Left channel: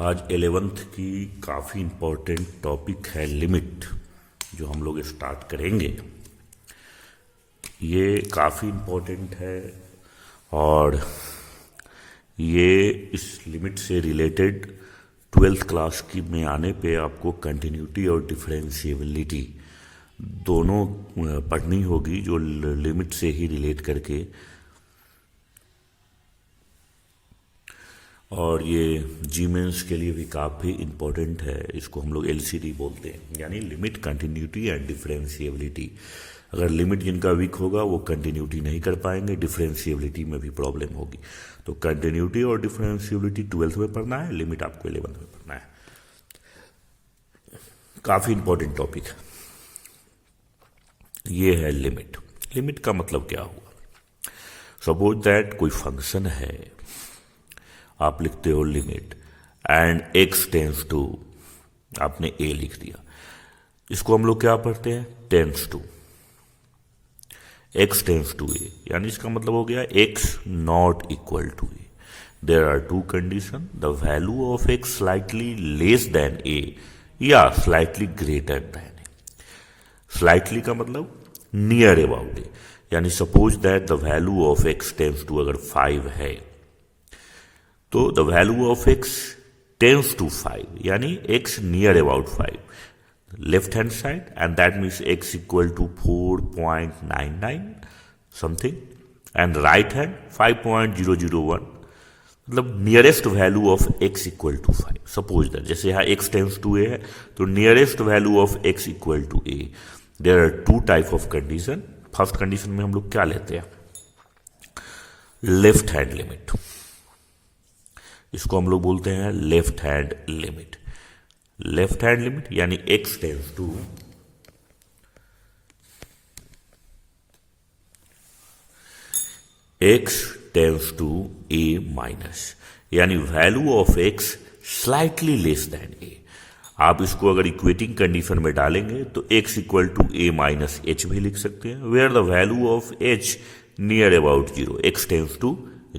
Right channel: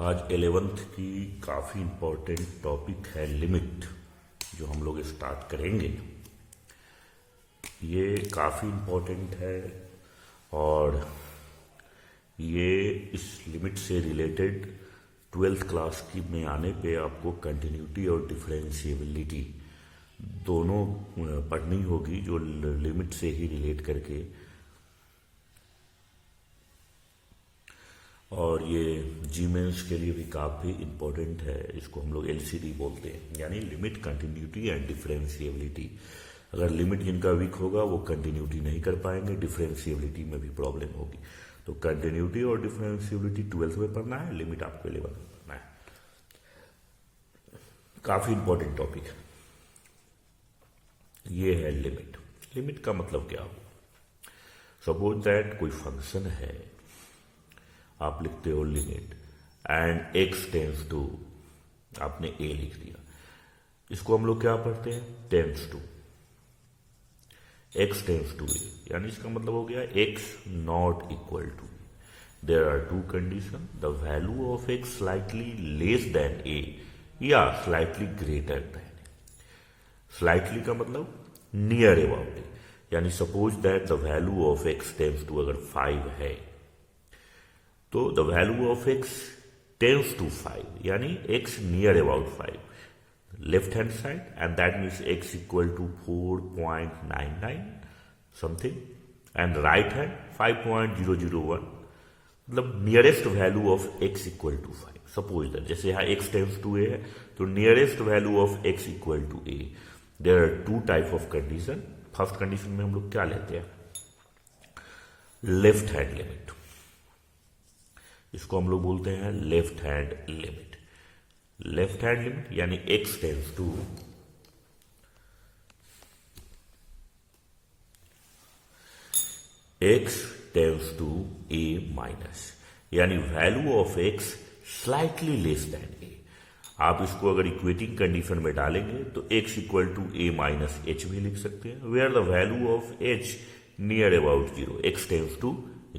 आज 11th की काफ़ी इम्पोर्टेंट टॉपिक है लिमिट, जो हम लोग स्टार्ट करेंगे। ये काफ़ी इम्पोर्टेंट है और ये इस लिमिट से रिलेटेड 12th क्लास की में आने पे आपको कंटिन्यूटी और डिफरेंशिएबिलिटी दोनों पढ़नी होगी, जो लिमिट से ही रिलेट करके। और ये जी मेंस के लिए भी काफ़ी इम्पोर्टेंट है। इसको हम लोग एलसीडी बोलते हैं, यानी लिमिट, कंटिन्यूटी एंड डिफरेंशिएबिलिटी। अगर लिमिट जिनका वीक होगा वो कंटिन्यूटी नहीं कर पाएंगे, डिफरेंशिएबिलिटी में भी प्रॉब्लम होगी। तो कंटिन्यूटी और डिफरेंशिएबिलिटी 12th में पढ़ना है, लिमिट आपको 11th में पढ़ना है। काफ़ी इम्पोर्टेंट टॉपिक है। ये है लिमिट। लिमिट का मतलब क्या हुआ? सपोज दैट कोई फंक्शन है, आप लिखते हो limit and x tends to, आपने ए लिख दिया। इसको हम लोग क्या पढ़ते हैं? Tends to, x tends to a, यानी इसका मतलब हो गया x not equal to a. There are two condition, the value of x slightly less than a या slightly greater than a. Slightly का मतलब नियर अबाउट ए, यानी suppose that the value of x tends to अगर 5 है तो the value of x tends to 5, यानी x near about 5, left hand side, and that means x equal to 4.99 something, and right hand 5.001, मतलब nearest value of x equal to 5। Suppose that जैसे यहाँ x tends to a है तो nearest value of x equal to a. There are two type of condition. First condition में हम लोग क्या लेते हैं? Left hand limit. इसको हम लोग बोलते हैं left hand limit. Left hand limit यानी x tends to a minus, यानी value of x slightly less than a. आप इसको अगर इक्वेटिंग कंडीशन में डालेंगे तो x equal to a minus h भी लिख सकते हैं, where the value of h near about 0, x tends to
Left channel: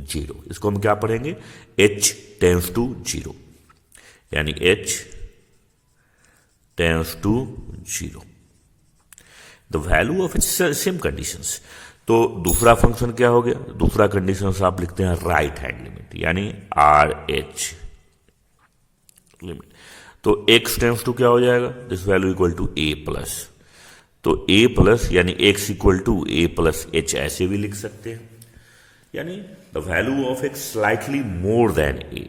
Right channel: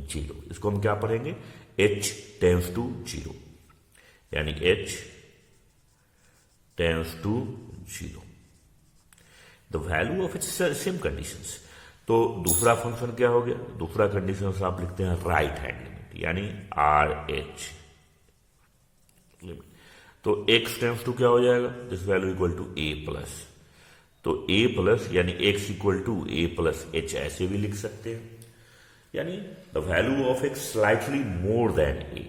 0। इसको हम क्या पढ़ेंगे? h टेंस टू 0, यानी h tends to 0, the value of same conditions. तो दूसरा फंक्शन क्या हो गया? दूसरा कंडीशन आप लिखते हैं राइट हैंड लिमिट, यानी RH लिमिट। तो x टेंस टू क्या हो जाएगा? This value equal to a plus, तो a प्लस यानी x equal to a plus h, ऐसे भी लिख सकते हैं, यानी the value of x slightly more than a.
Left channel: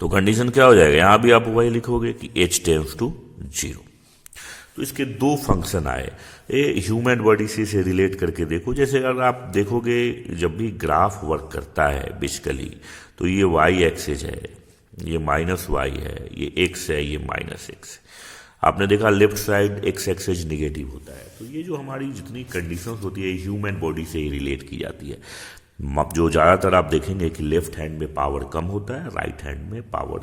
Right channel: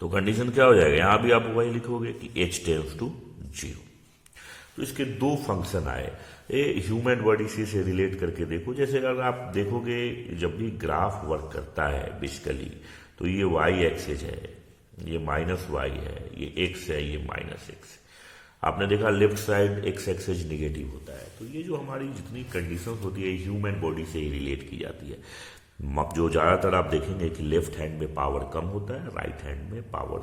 तो कंडीशन क्या हो जाएगा? यहां भी आप वही लिखोगे कि h टेंस टू 0। तो इसके दो फंक्शन आए। ये ह्यूमन बॉडी से रिलेट करके देखो। जैसे अगर आप देखोगे जब भी ग्राफ वर्क करता है बेसिकली, तो ये y एक्सिस है, ये माइनस y है, ये x है, ये माइनस x है। आपने देखा left side x axis negative होता है। तो ये जो हमारी जितनी कंडीशंस होती है ह्यूमन बॉडी से ही रिलेट की जाती है। जो ज़्यादातर आप देखेंगे कि लेफ्ट हैंड में पावर कम होता है, राइट हैंड में पावर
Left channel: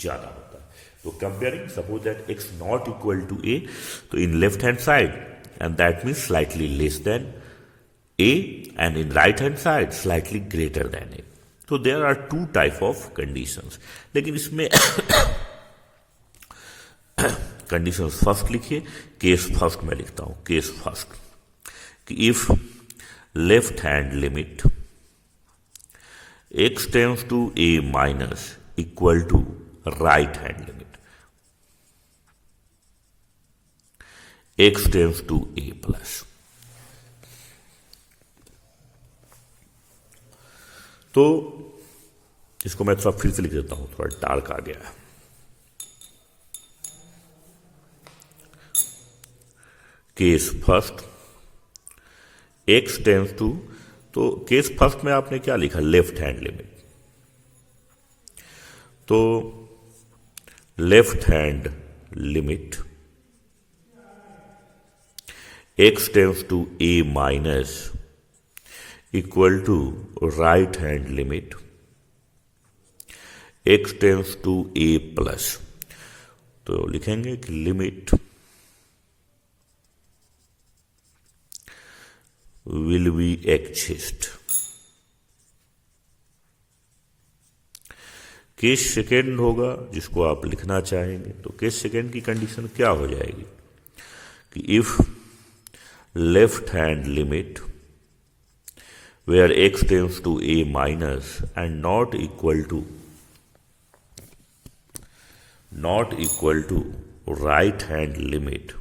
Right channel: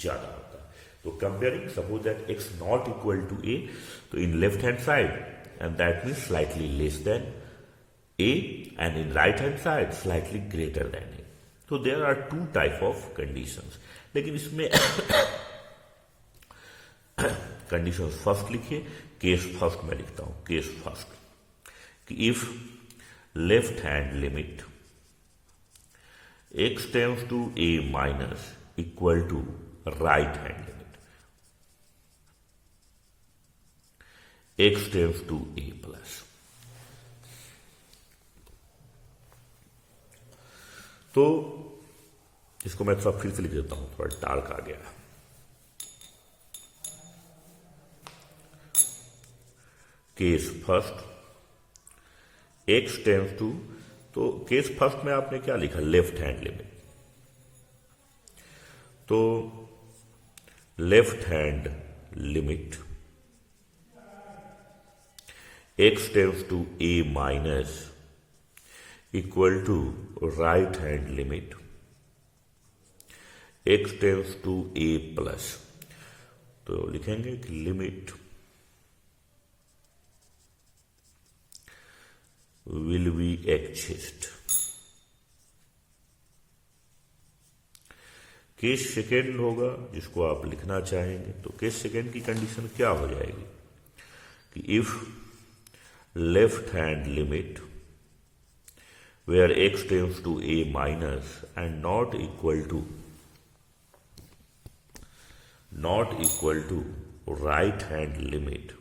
ज़्यादा होता है। तो comparing, suppose that x not equal to a, तो in left hand side and that means slightly less than a, and in right hand side slightly greater than a. तो there are two type of conditions, लेकिन इसमें condition first लिखिए। Case first में लिखता हूं, case first, कि if left hand limit x tends to a minus equal to right hand limit x tends to a plus. तो इसको मैं थोड़ा फिर से लिख देता हूं, थोड़ा डार्क आ गया है। Case first x tends to, तो केस फर्स्ट में आपने क्या लिखा? Left hand limit. तो left hand limit x tends to a minus equal to right hand limit x tends to a plus. तो लिखेंगे कि लिमिट will be exist केस सेकेंड होगा जिसको आप लिखना चाहेंगे, तो केस सेकेंड की कंडीशन क्या हो जाएगी कि if left hand limit where x tends to a minus and not equal to right hand limit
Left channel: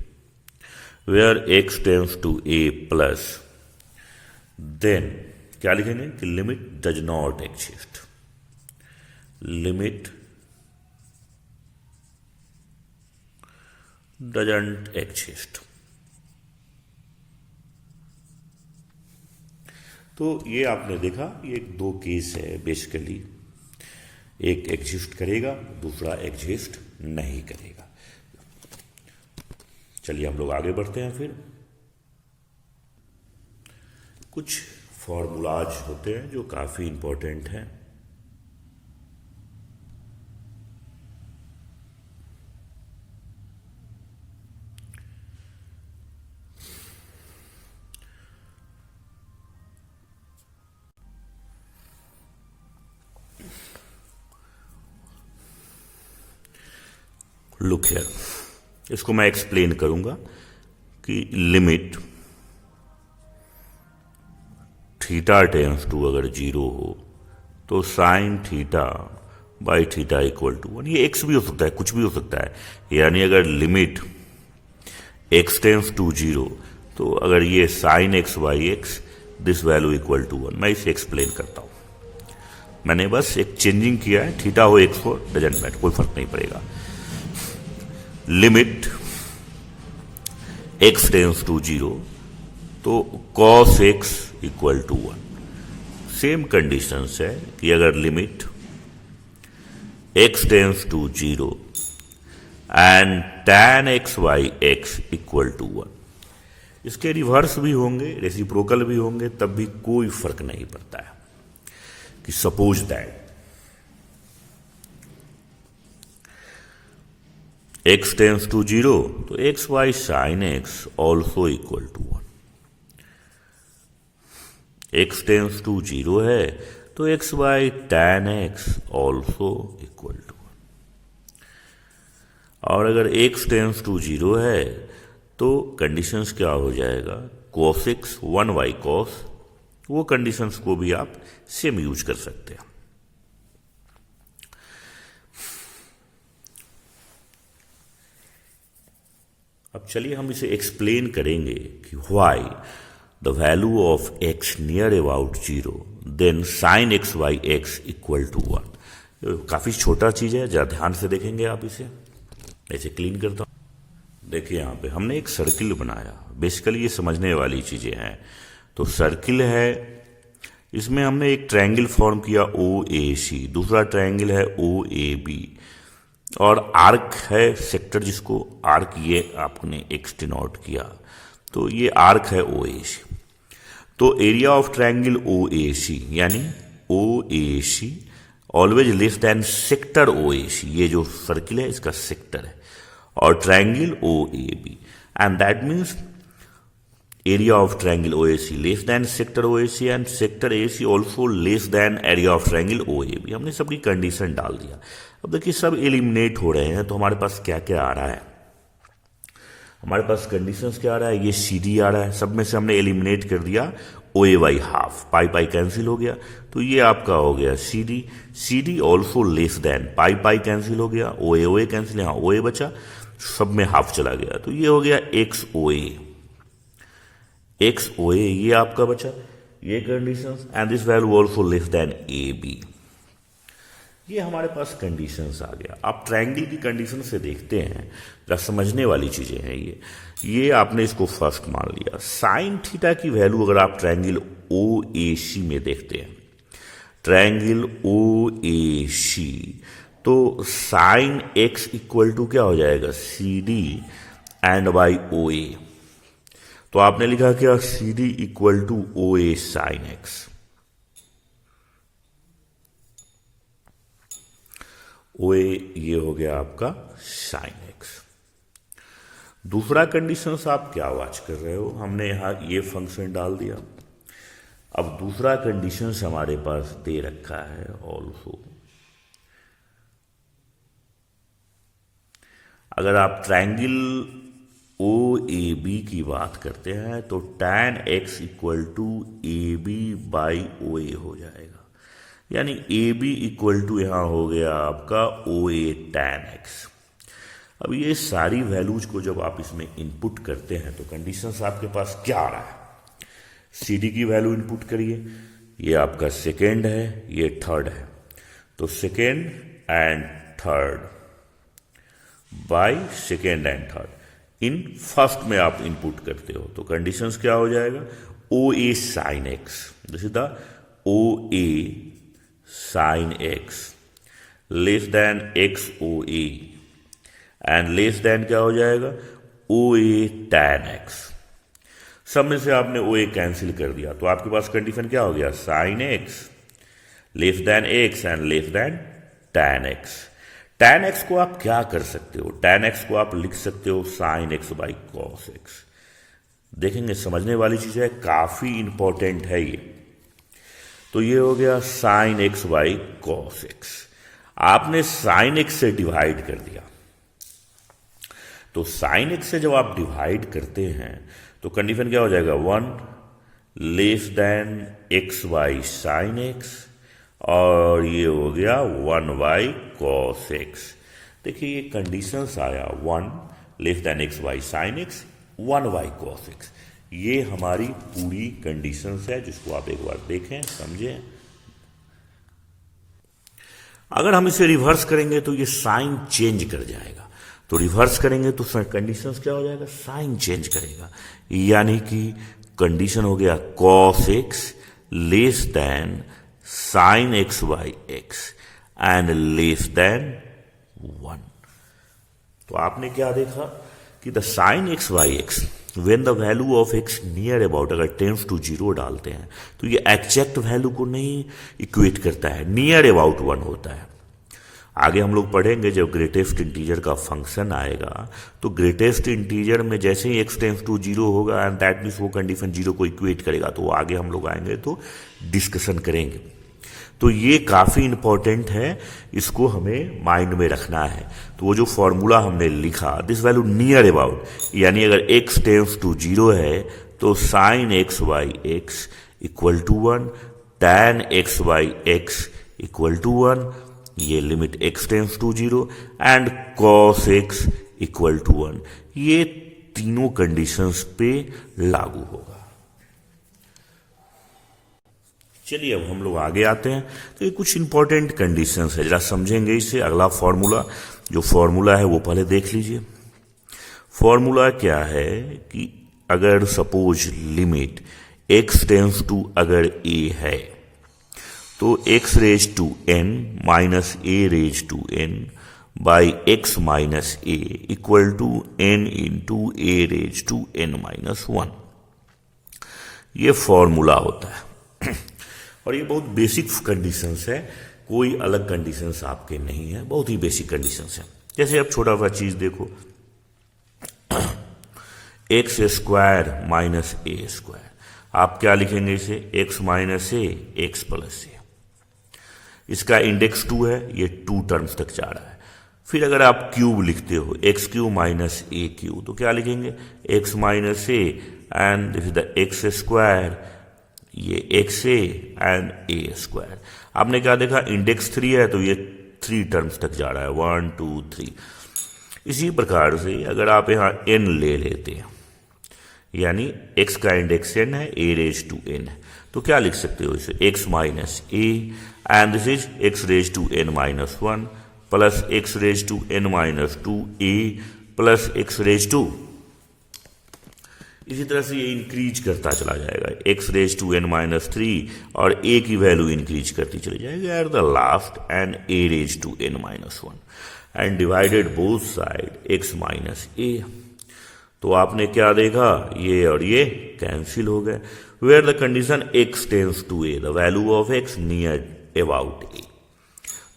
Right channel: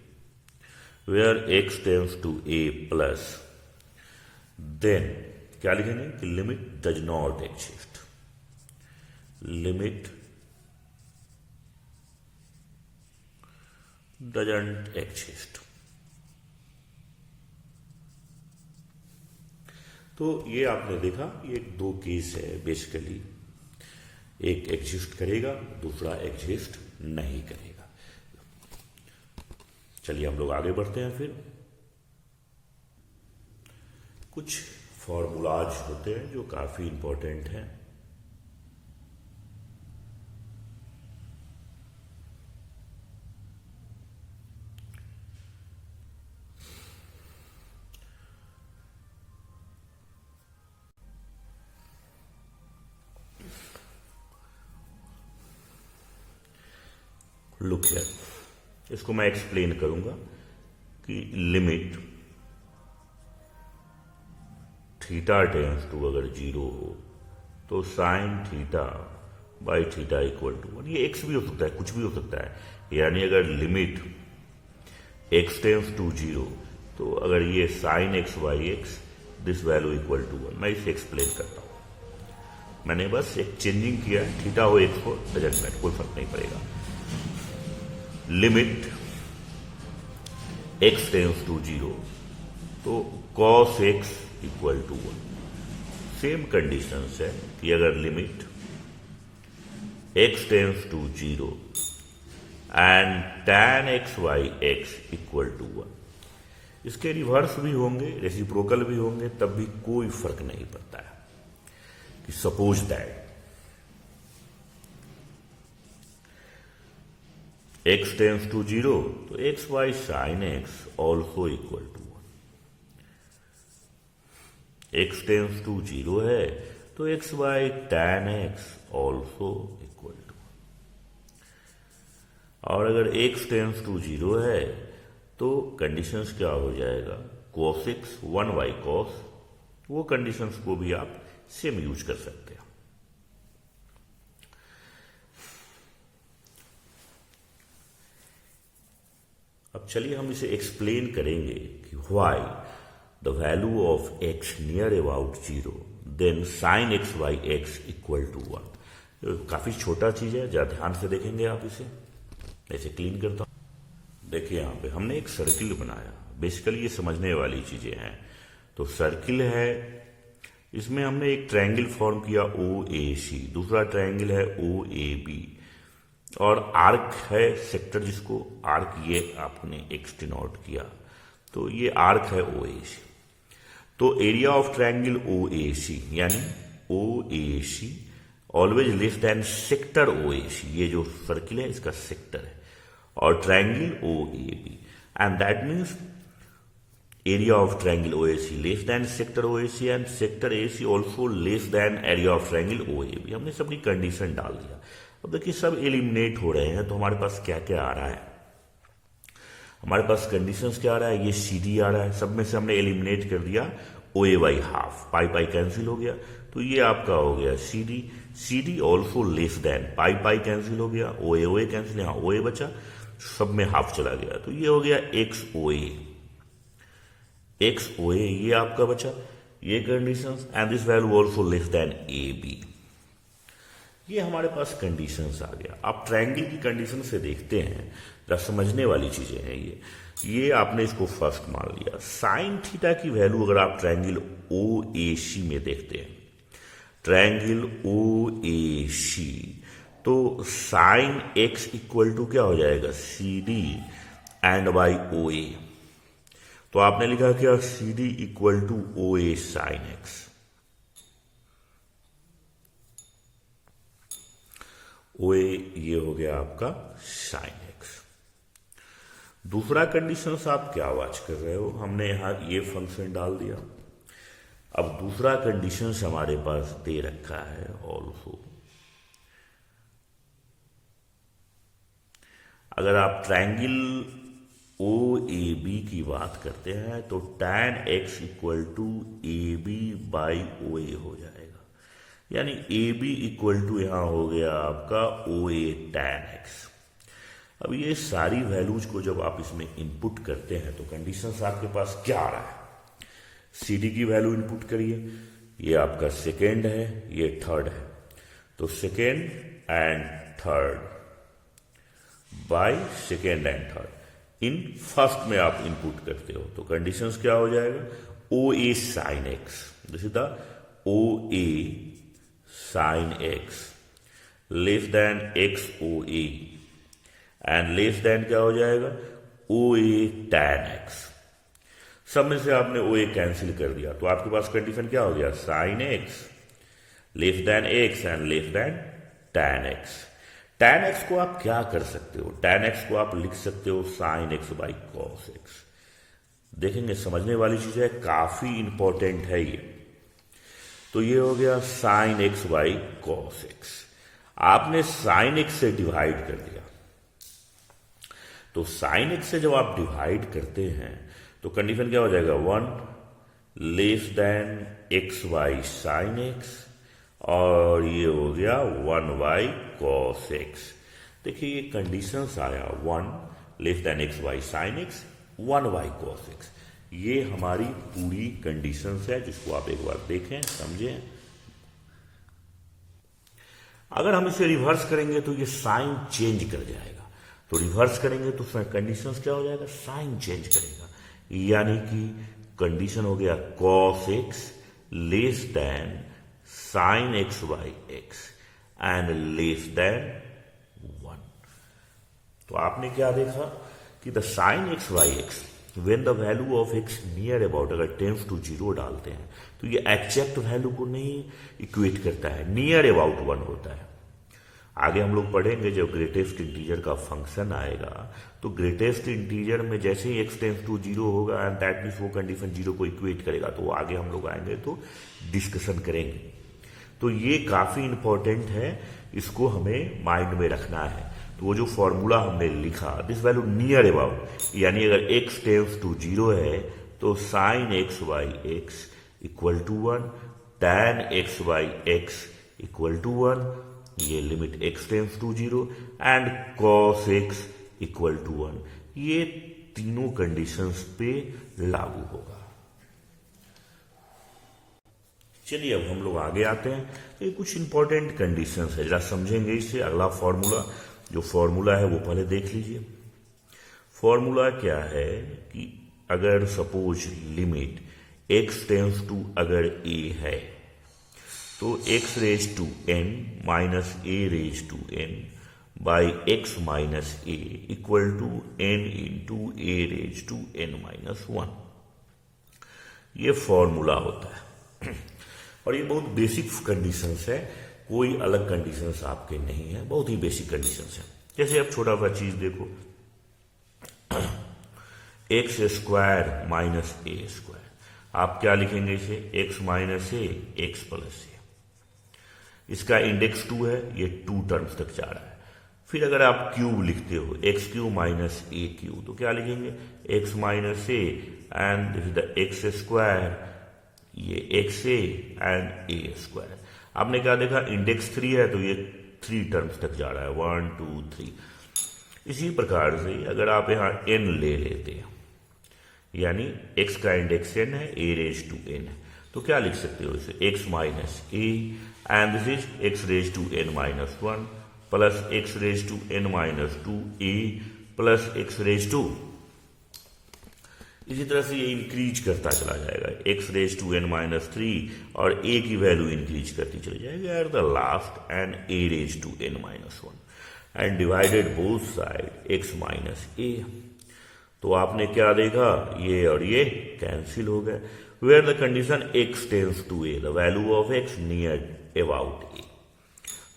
where x tends to a plus, then क्या लिखेंगे कि limit does not exist, limit doesn't exist. तो ये आपने देखा, ये दो case है बेसिकली, एक एग्जिस्ट करेगा, दूसरा एग्जिस्ट नहीं करेगा। चलिए हम लोग आगे बढ़ते हैं। फिर कुछ फॉर्मूलाज होते हैं जो काफी इंपॉर्टेंट हैं। लुक हियर, इसको मैं एक्सप्लेन करूंगा कि लिमिट थीटा टेंस टू अगर 0 हो तो sine theta by theta equal to 1, ये एक्स भी हो सकता है, कुछ भी हो सकता है। यानी अगर लिमिट एक्स टेंस टू 0 तो अगर ये sine x by x this value equal to 1, मैं इसे एक्सप्लेन करता हूं। मैंने बस एक चेंजिंग किया है, थीटा हो एक्स हो डजंट मैटर, कोई फर्क नहीं पड़ेगा। लिमिट x टेंस टू 0 तो cos x equal to 1। Same condition है कि अगर limit x tends to 0 and tan x by x equal to 1, इसके रिवर्स भी होंगे, रेसिप्रोकल भी होंगे, तब भी कोई फर्क नहीं पड़ता है। कि suppose that x tends to 0 तो x by sine x also equal to 1। x tends to 0 है तो x by tan x also equal to 1। और अगर x टेंस टू 0 है तो कंडीशंस क्या हो जाएगा, cos x 1 बाई cos, वो कंडीशंस को भी आप सेम यूज कर सकते हैं। अब चलिए हम इसे एक्सप्लेन करेंगे कि why the value of x near about 0 then sine x by x equal to 1। काफी छोटा चीज है, जरा ध्यान से देखेंगे आप इसे। ऐसे क्लीन करता हूं। देखिए यहां पे हमने एक सर्किल बनाया, बेसिकली ये समझने वाली चीजें हैं। तो सर्किल है, इसमें हमने एक ट्रायंगल फॉर्म किया OAC, दूसरा ट्रायंगल है OAB, और आर्क है सेक्टर, जिसको आर्क ये आपने एक्स डिनोट किया, तो ये आर्क है OAC। तो एरिया ऑफ ट्रायंगल OAC यानी OAC always less than sector OAC, ये जो सर्किल है इसका सेक्टर है, और triangle OAB, and that means area of triangle OAC less than sector OAC and sector AC also less than area of triangle OAB। हमने सबकी condition डाल दिया। अब देखिए सब एलिमिनेट हो रहे हैं, तो हमारे पास क्या क्या आ रहा है, हमारे पास कंडीशंस क्या आ रहा है, ये CD आ रहा है, सब में से हमने एलिमिनेट कर दिया OA by half, pi pi cancel हो गया, तो ये आपका हो गया CD ऑल्सो लेस देन, पाई पाई कैंसिल हो गया, OA कैंसिल, यहाँ OA बचा, सब में हाफ चला गया, तो ये हो गया XOA, ये आपका बचा, ये conditions, and this value also less than AB। ये हमारे पास कंडीशंस आ गया। आप ट्रायंगल की कंडीशन से देखते हैं, जब समझने वाली चीजें हैं ये आपने इसको फर्स्ट मान लिया। साइन थीटा की वैल्यू अगर आप ट्रायंगल OAC में देखते हैं, ट्रायंगल OAC, तो साइन एक्स इक्वल टू क्या हो जाएगा, CD एंड बाई OA। तो आपने लिखा क्या, CD equal to OA sine x. OA ये हो गया आपका साइन एक्स। दूसरा कंडीशन आप क्या वाच कर रहे हो, हमने यहां ये फंक्शन डाल दिया। अब दूसरा कंडीशन हमारे पास दे रखा है ऑल्सो अगर आप ट्रायंगल ओ ए बी की बात करते हैं तो tan x equal to A B by O A हो जाएगा, यानी ए बी इक्वल टू यहां हो गया आपका ओ ए tan x। अब ये सारी वैल्यूज को जब आप इसमें इनपुट करते हैं तो कंडीशंस आपके पास क्या आ रहा है, सी डी की वैल्यू इनपुट करिए, ये आपका सेकेंड है, ये थर्ड है, तो second and third by second and third in first में आप इनपुट करते हो तो कंडीशंस क्या हो जाएगा, O A sine x, this is the O A sine x less than x O A and less than क्या हो जाएगा, ओ ए टैन एक्स। सब में से आपने ओ ए कैंसिल कर दिया तो आपके पास कंडीशन क्या हो गया, sign x less than x and less then tan x. Tan x को आप क्या कर सकते हो, टैन एक्स को आप लिख सकते हो sign x by cos x. देखेंगे समझने वाली चीज है, काफी इंपॉर्टेंट है ये। तो ये हो गया sign x by cos x, आपने साइन एक्स से डिवाइड कर दिया, तो साइन एक्स से जब आप डिवाइड करते हैं तो कंडीशन क्या हो जाएगा, 1 less than x by sine x, और ये हो गया 1 बाई कॉस एक्स। देखिए ये कंडीशंस आया 1 less than x by sine x, 1 by cos x, ये हमारी पूरी कंडीशंस है जिसको आप एक बार देखें समझें। अगर हम इसे रिवर्स करेंगे तो ये साइन चेंज कर जाएगा, तो रिवर्स करेंगे तो कंडीशंस क्या हो जाएगा, साइन चेंज करेगा, यानी कि कंडीशन हो गया cos x less then sine x by x and less than 1। तो आपने क्या देखा कि the sign x by x when the value of x near about, अगर टेंड्स टू 0 डालते हैं तो ये एग्जैक्ट वैल्यू को नहीं इक्वेट करता है, नियर अबाउट 1 होता है। आगे हम लोग पढ़ेंगे जब ग्रेटेस्ट इंटीजर का फंक्शन आएगा तो ग्रेटेस्ट इंटीजर में जैसे ही एक्स टेंड्स टू 0 होगा एंड दैट मीन्स वो कंडीशन 0 को इक्वेट करेगा, तो आगे हम लोग आएंगे तो डिस्कशन करेंगे। तो ये काफी इंपॉर्टेंट है, इसको हमें माइंड में रखना है। तो वो जो फॉर्मूला हमने लिखा दिस वैल्यू नियर अबाउट, यानी अगर एक्स टेंड्स टू 0 है तो sine x by x equal to 1, tan x by x equal to 1, ये limit x tends to 0 and cos x equal to 1, ये तीनों कंडीशंस पे लागू होगा। चलिए अब हम लोग आगे आते हैं, तो ये कुछ इंपॉर्टेंट कंडीशंस है, जरा समझेंगे इसे। अगला फॉर्मूला, जो फॉर्मूला है वो पहले देख लीजिए। फॉर्मूला क्या है कि अगर suppose limit x tends to अगर ए है तो x raise to n minus a raise to n by x minus a equal to n into a raise to n minus 1, ये फॉर्मूला होता है। और ये बहुत बेसिक कंडीशंस है, कोई अलग कंडीशंस आपके नहीं है, बहुत ही बेसिक कंडीशंस है। जैसे अब छोटा सा चीज देखो, एक्स स्क्वायर माइनस ए स्क्वायर, आप क्या लिखेंगे इसे, एक्स माइनस ए एक्स प्लस ए। इसका इंडेक्स 2 है, ये 2 टर्म्स तक जा रहा है। फिर अगर आप क्यूब लिखते हो, x cube minus a cube, तो क्या लिखेंगे, x minus a and this is the x square, ये x a and a square. आपने क्या देखा, इंडेक्स 3 है तो ये 3 टर्म्स तक जा रहा है, 1 2 3। इसी प्रकार से अगर आप यहां n ले लेते हैं, यानी x का इंडेक्स n है, a रेज टू n है, तो क्या लिख सकते हो इसे, x minus a and this is x raise to n minus 1 plus x raise to n minus 2 a plus x raise to, इसी तरह से ये इंक्रीज करता चला जाएगा, x raise to n minus 3 और a की वैल्यू इंक्रीज करती चली जाएगी at the last end a raise to n minus 1 and divided both side x minus a। तो आपने क्या देखा, ये और ये कैंसिल हो गए। Where the condition x tends to a, the value of x near about a।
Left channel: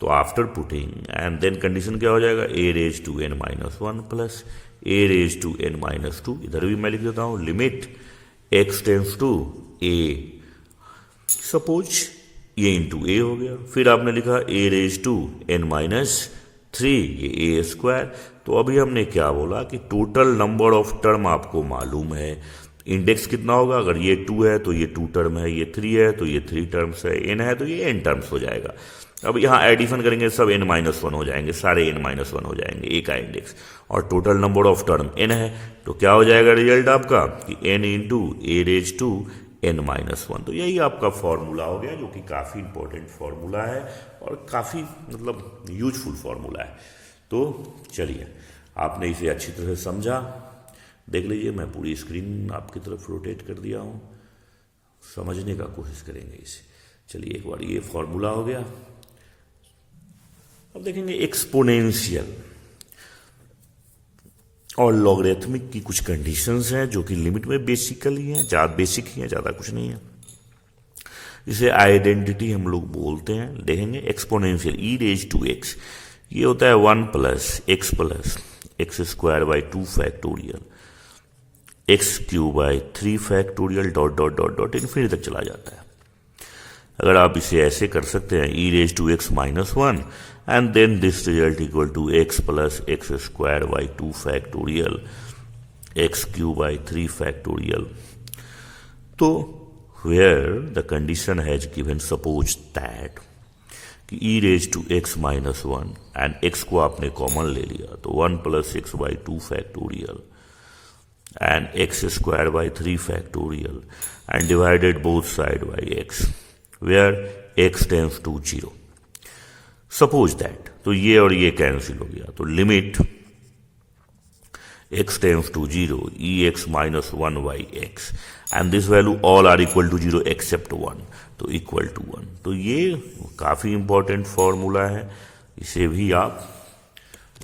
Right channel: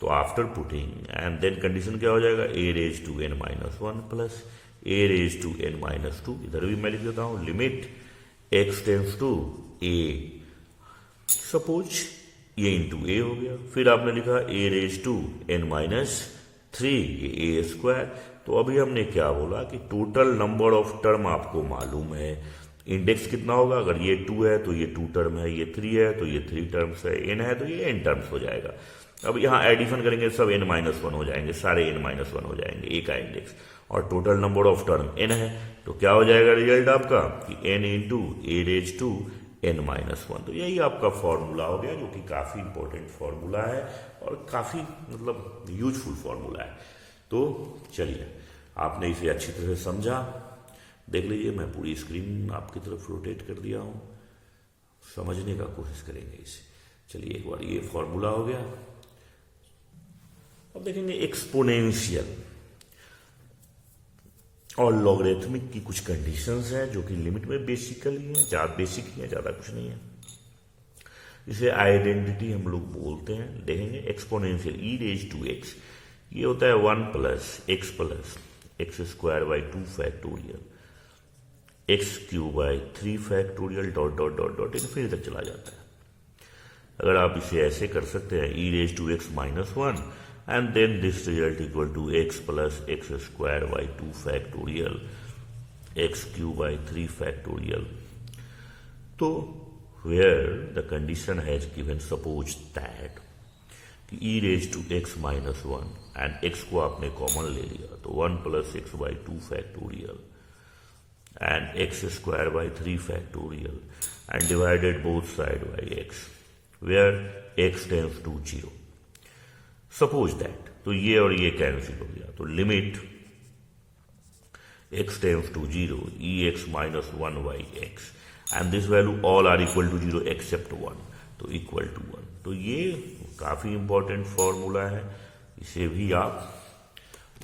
तो after putting and then condition क्या हो जाएगा, a raise to n minus 1 plus a raise to n minus 2, इधर भी मैं लिख देता हूं limit x tends to a, suppose ये इंटू a हो गया। फिर आपने लिखा a raise to n minus 3, ये a स्क्वायर, तो तो अभी हमने क्या बोला कि टोटल नंबर ऑफ टर्म आपको मालूम है, इंडेक्स कितना होगा, अगर ये 2 है तो ये 2 टर्म है, ये 3 है तो ये 3 टर्म्स है, n है तो ये n टर्म्स हो जाएगा। अब यहाँ एडिशन करेंगे सब n-1 हो जाएंगे, सारे n-1 हो जाएंगे, ए का इंडेक्स, और total number of term n है, तो क्या हो जाएगा रिजल्ट आपका कि n into a raise to n-1। तो यही आपका फॉर्मूला हो गया, जो कि काफ़ी इंपॉर्टेंट फॉर्मूला है और काफ़ी मतलब यूजफुल फॉर्मूला है। तो चलिए, आपने इसे अच्छी तरह समझा, देख लीजिए, मैं पूरी स्क्रीन आपकी तरफ रोटेट कर दिया हूँ, समझने का कोशिश करेंगे इसे। चलिए, एक बार ये फॉर्मूला हो गया, अब देखेंगे एक्सपोनेंशियल और लॉगरिथमिक की कुछ कंडीशंस हैं जो कि लिमिट में बेसिकली हैं, बेसिक ही हैं, ज़्यादा कुछ नहीं है। इसे आइडेंटिटी हम लोग बोलते हैं। देखेंगे exponential e raise to x, ये होता है 1 plus x square by 2 factorial, x cube by 3 factorial dot dot dot dot infinity तक चला जाता है। अगर आप इसे ऐसे कर सकते हैं, e raise to x minus 1 and then this result equal to x plus x square by 2 factorial x cube by 3 factorial. तो where the condition has given, suppose that कि e raised to x minus 1 and x को आपने common ले लिया तो 1 plus x by 2 factorial and x square by 3 factorial and divided both side by x where x tends to 0. Suppose that, तो ये और ये कैंसिल हो गया, तो limit x tends to 0 e x minus 1 by x and this value all are equal to 0 except 1, तो equal to 1। तो ये काफ़ी इंपॉर्टेंट फॉर्मूला है, इसे भी आप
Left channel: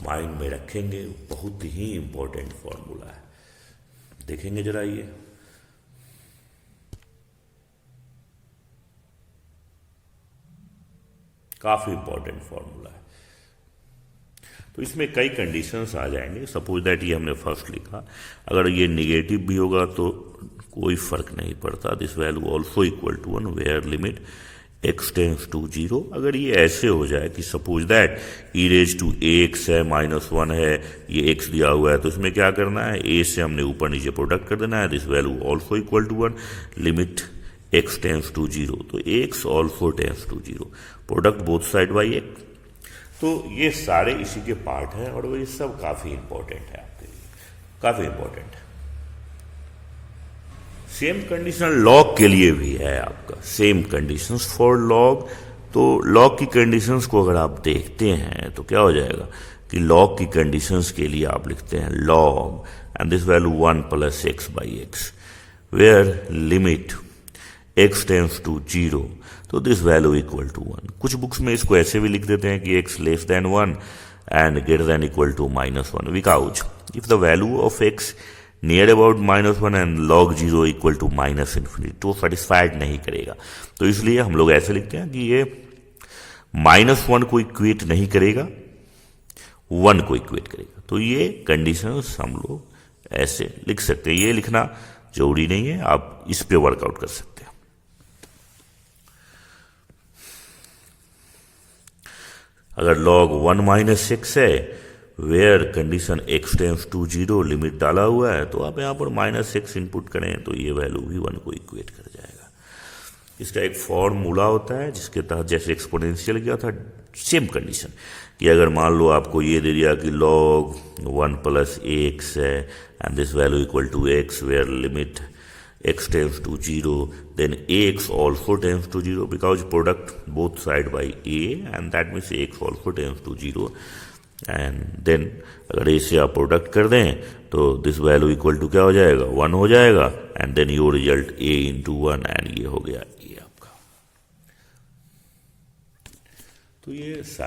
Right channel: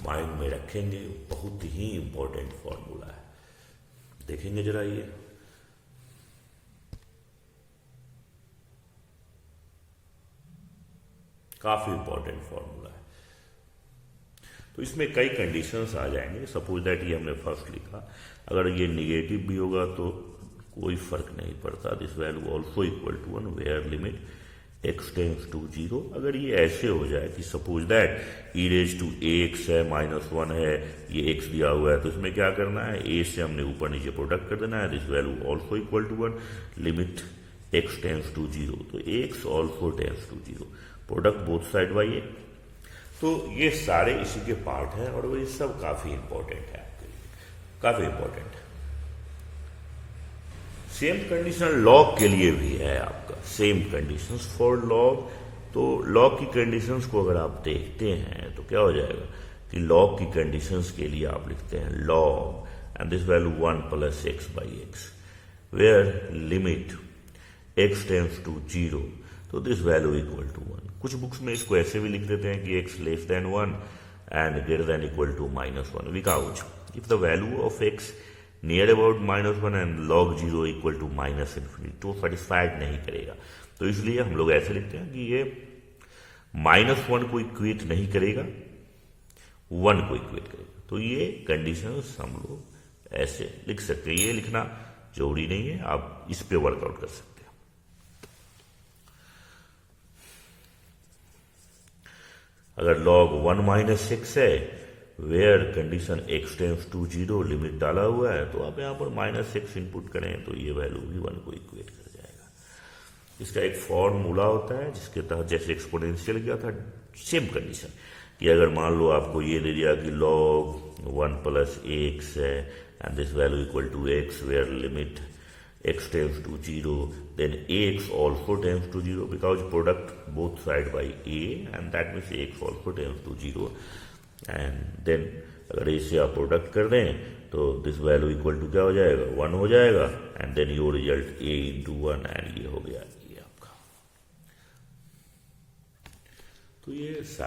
माइंड में रखेंगे, बहुत ही इंपॉर्टेंट फॉर्मूला है। देखेंगे जरा, ये काफी इंपॉर्टेंट फॉर्मूला है। तो इसमें कई कंडीशंस आ जाएंगे। सपोज दैट ये हमने फर्स्ट लिखा, अगर ये निगेटिव भी होगा तो कोई फर्क नहीं पड़ता, this value also equal to 1 where limit x tends to 0। अगर ये ऐसे हो जाए कि suppose that e raise to x है, माइनस 1 है, ये x दिया हुआ है, तो इसमें क्या करना है, a से हमने ऊपर नीचे प्रोडक्ट कर देना है, this value also equal to 1 limit x tends to 0, तो x also tends to 0, product both side by x। तो ये सारे इसी के पार्ट हैं और ये सब काफी इंपॉर्टेंट है आपके लिए, काफी इंपॉर्टेंट है। सेम कंडीशन लॉग के लिए भी है आपका, सेम कंडीशंस फॉर लॉग। तो लॉग की कंडीशंस को अगर आप देखते हैं तो क्या हो जाएगा कि लॉग की कंडीशंस के लिए आप लिखते हैं log and this value 1 plus x by x where limit x tends to 0, तो दिस वैल्यू इक्वल टू 1। कुछ बुक्स में इसको ऐसे भी लिख देते हैं कि x less than 1 and greater than equal to minus 1, because if the value of x near about minus 1 and log 0 equal to minus infinity, तो सेटिस्फाइड नहीं करेगा। तो इसलिए हम लोग ऐसे लिखते हैं कि ये -1 को इक्वेट नहीं करेगा, 1 को इक्वेट करेगा। तो ये कंडीशंस हम लोग ऐसे लिख सकते हैं, ये लिखना जरूरी नहीं है, आप इस पे वर्कआउट कर सकते हैं। अगर log 1 माइनस 6 है where condition x tends to 0 limit डाला हुआ है, तो आप यहाँ पर -6 इनपुट करें तो ये वैल्यू भी 1 को इक्वेट कर जाएगा। इसका एक फॉर्मूला होता है जिसके तहत जैसे एक्सपोनेंशियल किया था, सेम कंडीशन कि अगर मान लो आपको ये दे दिया कि log 1 प्लस x है and this value equal to x where limit x tends to 0, then ax also tends to 0 because product both side by a and that means ax also tends to 0 and then अगर a से आप product कर दें तो this value equal to क्या हो जाएगा, 1 हो जाएगा and then your result a into 1 and ये हो गया ये आपका। तो ये